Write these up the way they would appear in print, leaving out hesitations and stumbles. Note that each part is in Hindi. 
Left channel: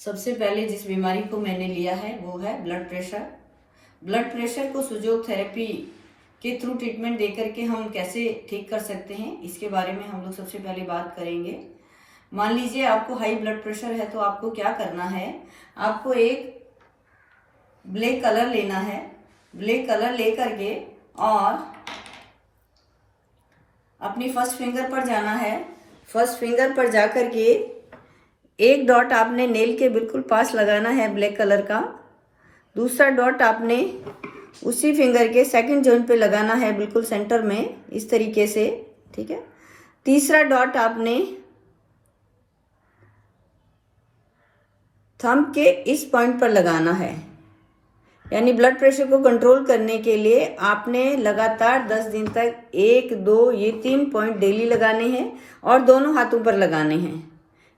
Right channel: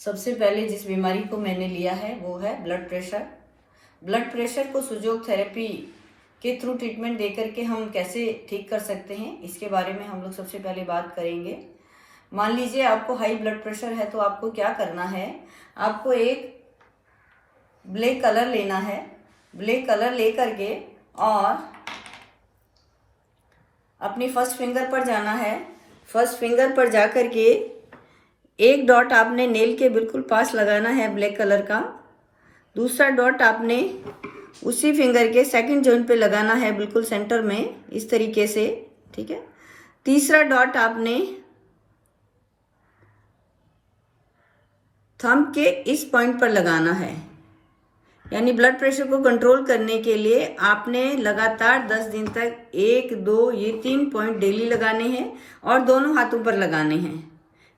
सबसे पहले जिस बीमारी को मैंने लिया है वो है ब्लड प्रेशर। ब्लड प्रेशर को सुजोग थेरेपी के थ्रू ट्रीटमेंट देकर के हम कैसे ठीक कर सकते हैं, इसके बारे में हम लोग सबसे पहले बात करेंगे। मान लीजिए आपको हाई ब्लड प्रेशर है, तो आपको क्या करना है, आपको एक ब्लैक कलर लेना है। ब्लैक कलर लेकर के और अपनी फर्स्ट फिंगर पर जाना है। फर्स्ट फिंगर पर जाकर के एक डॉट आपने नेल के बिल्कुल पास लगाना है ब्लैक कलर का। दूसरा डॉट आपने उसी फिंगर के सेकंड जॉइंट पे लगाना है बिल्कुल सेंटर में, इस तरीके से, ठीक है। तीसरा डॉट आपने थंब के इस पॉइंट पर लगाना है। यानी ब्लड प्रेशर को कंट्रोल करने के लिए आपने लगातार 10 दिन तक 1, 2, ये 3 पॉइंट डेली लगाने हैं और दोनों हाथों पर लगाने हैं।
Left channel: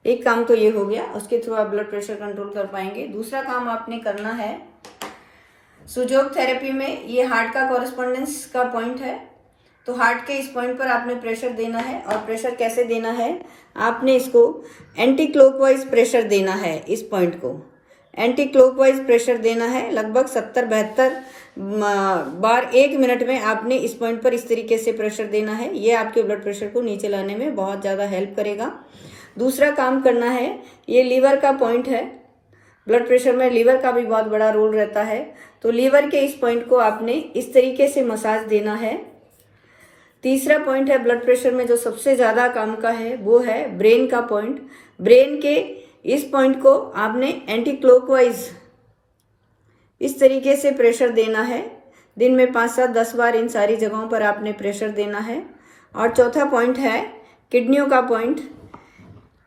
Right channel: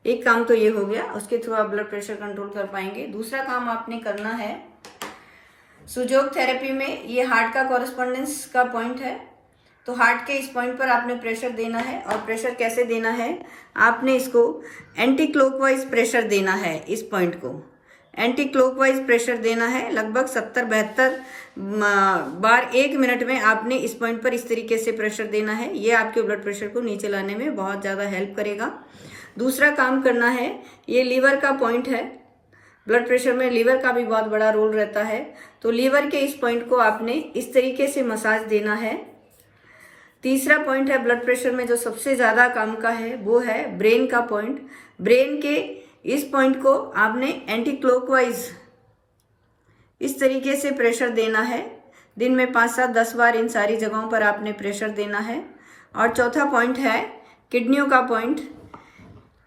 एक काम तो ये हो गया, उसके थ्रू आप ब्लड प्रेशर कंट्रोल कर पाएंगे। दूसरा काम आपने करना है, सुजोग थेरेपी में ये हार्ट का कॉरेस्पॉन्डेंस का पॉइंट है, तो हार्ट के इस पॉइंट पर आपने प्रेशर देना है। और प्रेशर कैसे देना है, आपने इसको एंटी क्लॉकवाइज प्रेशर देना है। इस पॉइंट को एंटी क्लॉकवाइज प्रेशर देना है। लगभग 70-72 बार 1 मिनट में आपने इस पॉइंट पर इस तरीके से प्रेशर देना है। ये आपके ब्लड प्रेशर को नीचे लाने में बहुत ज़्यादा हेल्प करेगा। दूसरा काम करना है, ये लीवर का पॉइंट है। ब्लड प्रेशर में लीवर का भी बहुत बड़ा रोल रहता है, तो लीवर के इस पॉइंट को आपने इस तरीके से मसाज देना है। तीसरा पॉइंट है ब्लड प्रेशर में जो सबसे ज्यादा काम का है, वो है ब्रेन का पॉइंट। ब्रेन के इस पॉइंट को आपने एंटी क्लॉकवाइज इस तरीके से प्रेशर देना है। दिन में 5-7-10 बार इन सारी जगहों पर आपने प्रेशर देना है। और चौथा पॉइंट है किडनियों का पॉइंट।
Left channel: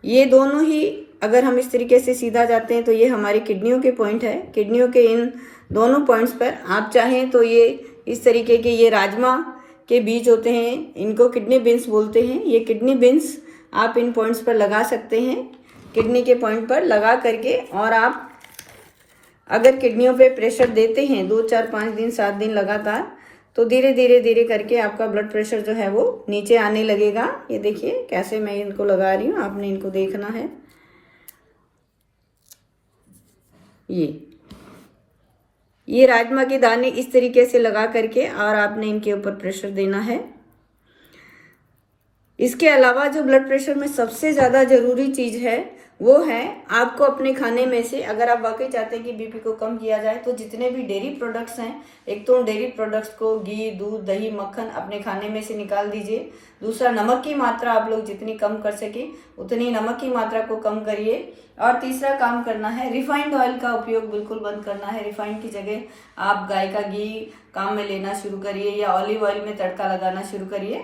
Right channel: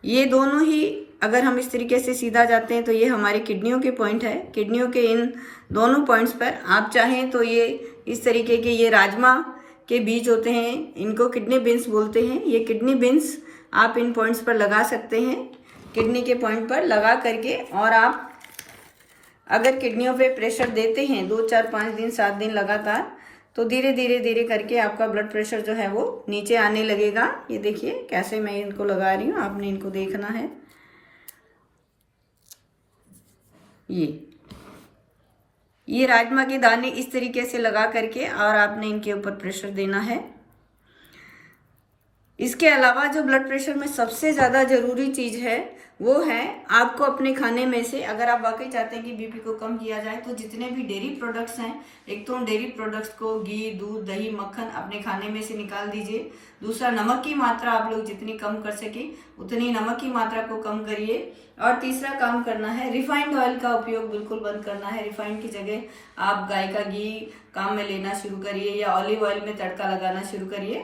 ये दोनों ही अगर हम इस तरीके से सीधा जाते हैं तो ये हमारे किडनियों के पॉइंट है। किडनियों के इन दोनों पॉइंट्स पर आप चाहें तो ये इस तरीके के ये राजमा के बीज होते हैं, इनको किडनी बीन्स बोलते हैं। ये किडनी बीन्स आप इन पॉइंट्स पर लगा सकते हैं, किडनी के पॉइंट पर लगा करके। और आप अगर किडनियों पे प्रेशर देते हैं 2, 4, 5 दिन, 7 दिन लगातार, तो धीरे धीरे करके आपका ब्लड प्रेशर जो है वो नीचे आने लगेगा। ये देखिए कैसे मैं इनको लगा रही हूँ, आपने इनको देखना है। ये राजमा के दाने इस तरीके से लगा करके और आपने इनके ऊपर प्रेशर देना है। इसके अलावा जो ब्लड प्रेशर में सबसे ज्यादा जरूरी चीज है वो है आपको अपने खाने में से, अगर आप वाकई चाहते हैं कि बीपी को कम किया जाए, तो जितने भी डेयरी प्रोडक्ट्स हैं, एक तो उन डेयरी प्रोडक्ट्स को घी, दूध, दही, मक्खन अपने खाने में से निकाल दीजिए। दूसरा, नमक की मात्रा आप लोग जितनी कम कर सके उतनी नमक की मात्रा को कम करिए। और तीसरा काम करना है, रिफाइंड ऑयल का उपयोग बिल्कुल बंद करना है। रिफाइंड की जगह आप गाय का घी काम में लेना शुरू करिए या ऑलिव ऑयल में तड़का लगाना शुरू करिए।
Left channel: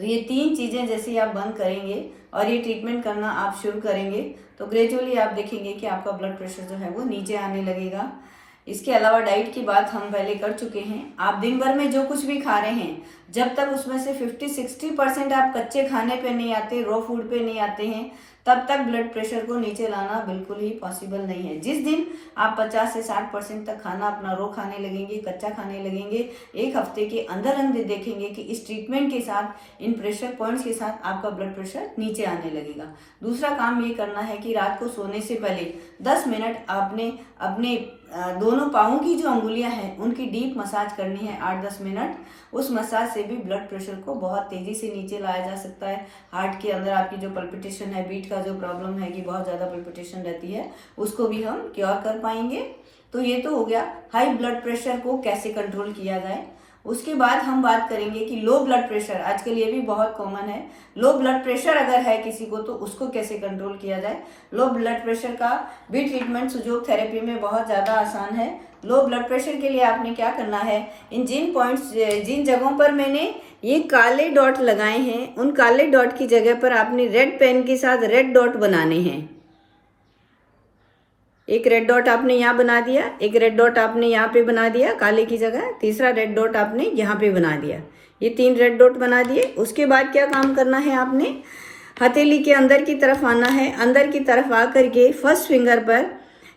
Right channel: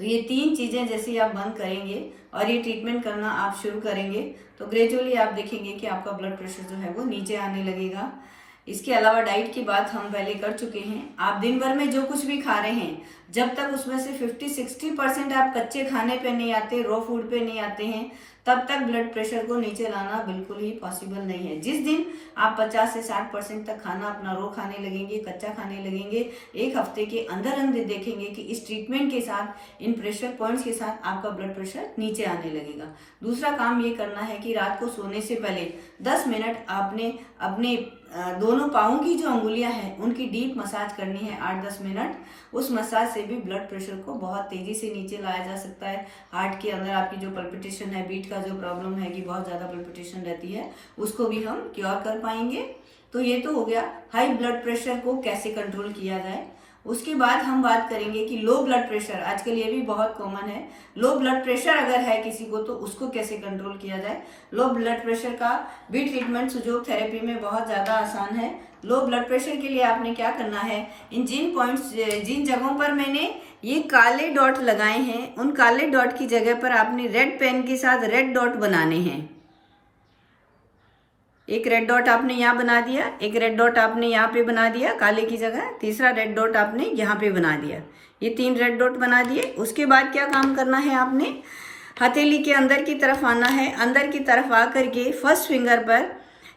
तो ये 3 चीजें जैसे आप बंद करेंगे और ये ट्रीटमेंट करना आप शुरू करेंगे, तो ग्रेजुअली आप देखेंगे कि आपका ब्लड प्रेशर जो है वो नीचे आने लगेगा। इसके अलावा डाइट की बात हम पहले कर चुके हैं। आप दिन भर में जो कुछ भी खा रहे हैं, जब तक उसमें से 50-60% आप कच्चे खाने पे नहीं आते, रॉ फूड पे नहीं आते हैं, तब तक ब्लड प्रेशर को नीचे लाना बिल्कुल ही पॉसिबल नहीं है। जिस दिन आप 50 से 60% तक खाना अपना रॉ खाने लगेंगे, कच्चा खाने लगेंगे, 1 हफ्ते के अंदर अंदर देखेंगे कि इस ट्रीटमेंट के साथ, इन प्रेशर पॉइंट्स के साथ आपका ब्लड प्रेशर नीचे आने लगेगा। दूसरा काम ये करना है कि रात को सोने से पहले 10 मिनट आपने अपने दोनों पाँवों की जो अंगुलियां हैं उनकी डीप मसाज करनी है 8-10 मिनट। उस मसाज से भी ब्लड प्रेशर को बहुत तेजी से नीचे लाया जा सकता है। हार्ट के अंदर आपकी जो पल्पिटेशन है, बीट का जो प्रॉब्लम है कि बहुत ज्यादा पल्पिटेशन रहती है, उसको भी हम क्योर कर पाएंगे। तो ये तो हो गया हाई ब्लड प्रेशर को कैसे कंट्रोल किया जाए। उसके बाद हम बात करेंगे कि लो ब्लड प्रेशर, आजकल ये भी बहुत कॉमन है। लो ब्लड प्रेशर अगर है किसी को तो उसको कैसे कंट्रोल किया जाए। लो ब्लड प्रेशर का भी ट्रीटमेंट सुजोग थेरेपी में बहुत ज्यादा आसान है। लो ब्लड प्रेशर के लिए आपने क्या करना है, इन जिन जगहों पर मैंने ये काले डॉट लगाए हैं, उन काले डॉट की जगह पर आपने रेड पेन के साथ रेड डॉट बनाने हैं। एक रेड डॉट आपने यहाँ बना दिया, एक रेड डॉट आपने यहाँ पे बना दिया काले की जगह, तीसरा रेड डॉट आपने यहाँ पे बना दिया। ये 3 रेड डॉट बना दिए। उसके बाद क्या काम करना है, आपने हथेली के अंदर की तरफ आना है। अंदर की तरफ आकर के फर्स्ट फिंगर पर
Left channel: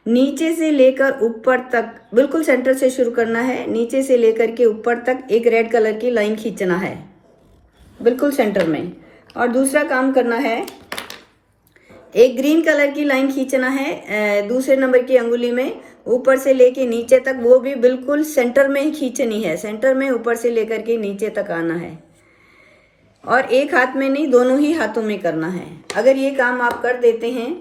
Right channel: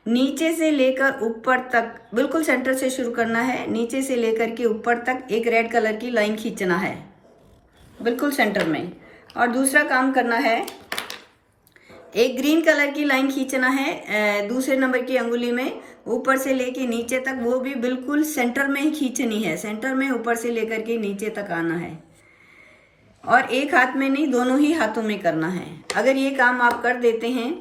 नीचे से लेकर ऊपर तक, बिल्कुल सेंटर से शुरू करना है, नीचे से लेकर के ऊपर तक एक रेड कलर की लाइन खींचना है बिल्कुल सेंटर में। और दूसरा काम करना है, एक ग्रीन कलर की लाइन खींचना है दूसरे नंबर की अंगुली में, ऊपर से लेके नीचे तक, वो भी बिल्कुल सेंटर में ही खींचनी है, सेंटर में ऊपर से लेकर के नीचे तक आना है, और एक हाथ में नहीं, दोनों ही हाथों में करना है। अगर ये काम आप कर देते हैं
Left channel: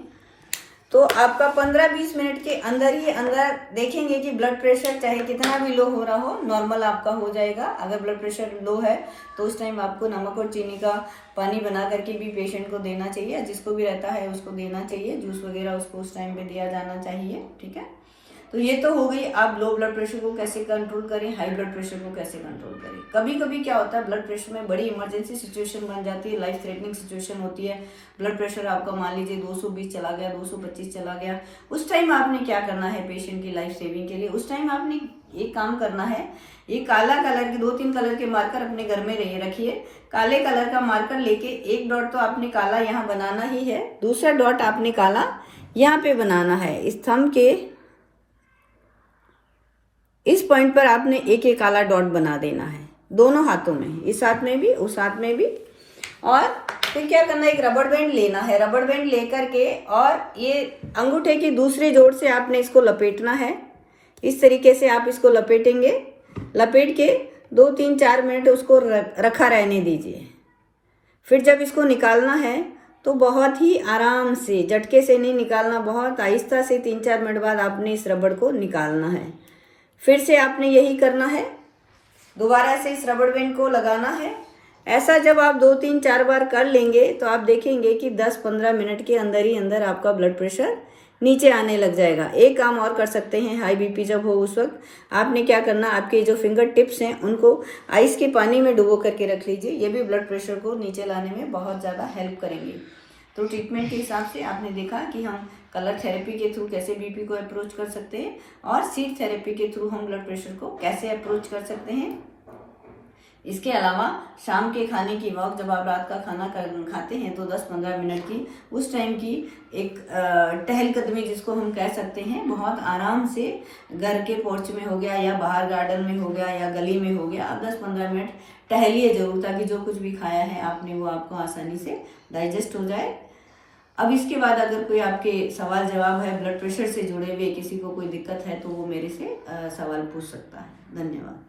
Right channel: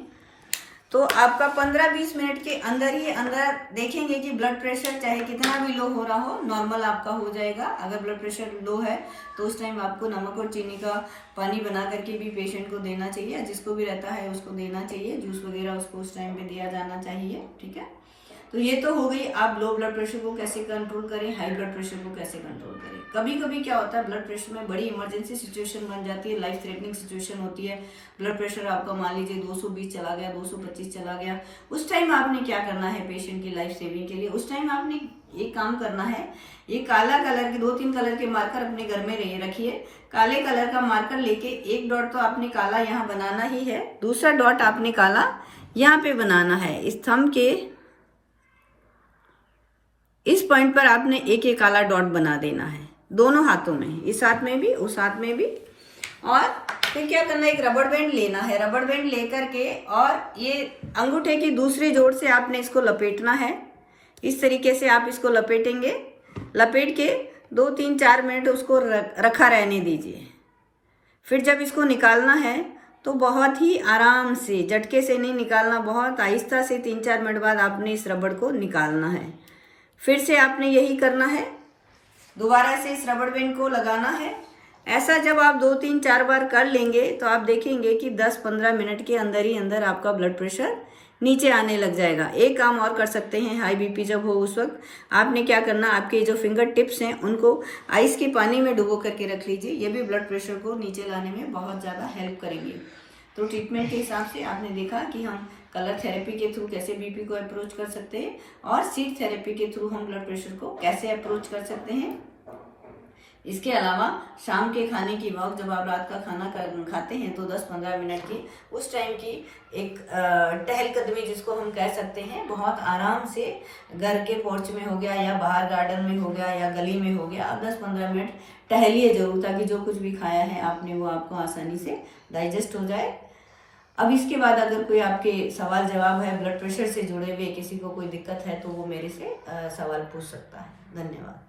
तो आपका 15-20 मिनट के अंदर ही अंदर देखेंगे कि ब्लड प्रेशर चाहे कितना भी लो हो रहा हो, नॉर्मल आपका हो जाएगा। अगर ब्लड प्रेशर लो है तो उस टाइम आपको नमक और चीनी का पानी बना करके भी पेशेंट को देना चाहिए, जिसको भी रहता है उसको देना चाहिए, जूस वगैरह उसको उस टाइम पे दिया जाना चाहिए। ठीक है, तो ये तो हो गई आप लो ब्लड प्रेशर को कैसे कंट्रोल करें, हाई ब्लड प्रेशर को कैसे कंट्रोल करें। कभी कभी क्या होता है, ब्लड प्रेशर में बड़ी इमरजेंसी सिचुएशन बन जाती है, लाइफ थ्रेटनिंग सिचुएशन होती है, ब्लड प्रेशर आपका मान लीजिए 220 चला गया, 225 चला गया। उस टाइम आपने क्या करना है पेशेंट की लाइफ सेविंग के लिए, उस टाइम आपने एक काम करना है, ये काला कलर के 2-3 कलर के मार्कर अपने घर में रखिए। काले कलर का मार्कर लेके एक डॉट तो आपने काला यहाँ बनाना ही है, दूसरा डॉट आपने काला यहाँ पे बनाना है। इस थंब के इस पॉइंट पर आपने एक एक काला डॉट बना देना है, दोनों हाथों में, इस हाथ में भी उस हाथ में भी। और फिर क्या करना है, एक रबड़ बैंड लेना है, रबड़ बैंड लेकर के और ये अंगूठे की दूसरे जोड़ से आपने इसको लपेटना है। इस तरीके से आप इसको लपेटेंगे, लपेट के 2-3-4 मिनट उसको रखा रहने दीजिए। फिर जब इसको निकालना है तो बहुत ही आराम से, झटके से नहीं निकालना, बहुत आहिस्ता से 3-4 मिनट बाद आपने इस रबड़ को निकालना है। फिर से आपने यही करना है, दोबारा से इस रबड़ बैंड को लगाना है। ऐसा जब आप 2-3-4 बार कर लेंगे तो आप देखेंगे कि 10-15 मिनट के अंदर ही अंदर आपका ब्लड प्रेशर नीचे आने लग जाएगा। एक काम और कर सकते हैं, हाई बीपी जब हो उस वक्त आपने क्या करना, आपके जो फिंगर टिप्स हैं उनको आइस के पानी में डुबो करके रख लीजिए, ये भी ब्लड प्रेशर को नीचे लाने में बहुत ज़्यादा हेल्प करेंगे। तो ट्रीटमेंट के हिसाब से आपने देखा कि हम कलर थेरेपी के थ्रू कैसे बीपी को अप्रोच कर सकते हैं और सीट थेरेपी के थ्रू हम ब्लड प्रेशर को कैसे अप्रोच कर सकते हैं। इसके अलावा शाम के खाने की वक्त जब आप रात का खाना खाते हैं तो 10-15 मिनट की उस टाइम की एक टहलकदमी जिसको हम कह सकते हैं, बहुत आराम से घर के पोर्च में हो गया या बाहर गार्डन में हो गया या गली में हो गया, 10-15 मिनट टहलिए जरूर, ताकि जो कुछ भी खाया है आपने वो आपको आसानी से डाइजेस्ट हो जाए। अब इसके बाद अगर कोई आपके सवाल जवाब है ब्लड प्रेशर से जुड़े हुए, किसी को कोई दिक्कत है तो वो मेरे से सवाल पूछ सकता है। धन्यवाद।